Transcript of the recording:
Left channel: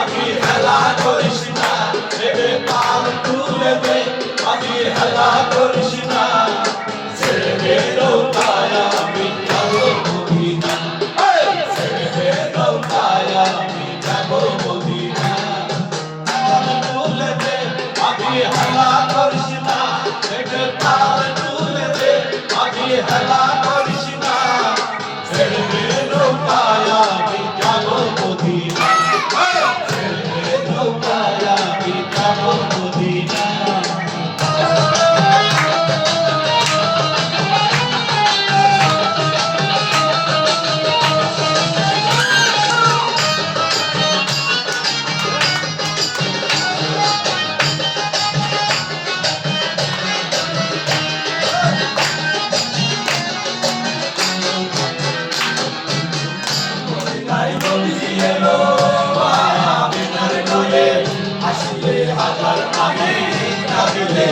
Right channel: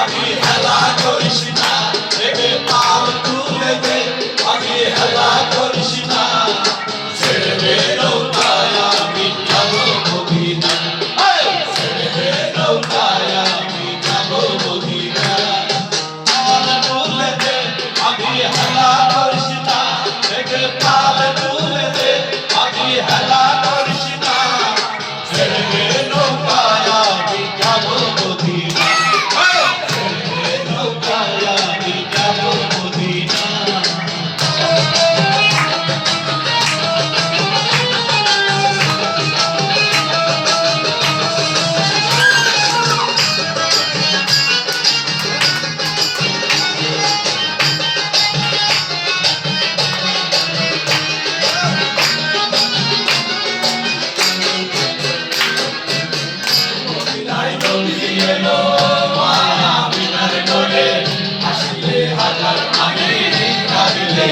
আমি হেলা করিস না, রেগে তাল তুলে দে, আমি হেলা করিস না, ছেড়ে দে নৌকায় আমি যাবো মদিনা, ছেড়ে দে নৌকায় আমি যাবো মদিনা। তাল তুলে দে, আমি হেলা করিস না, রেগে তাল তুলে দে, আমি হেলা করিস না, ছেড়ে দে নৌকায় আমি যাবো মদিনা। হাজার মানে লাগিলে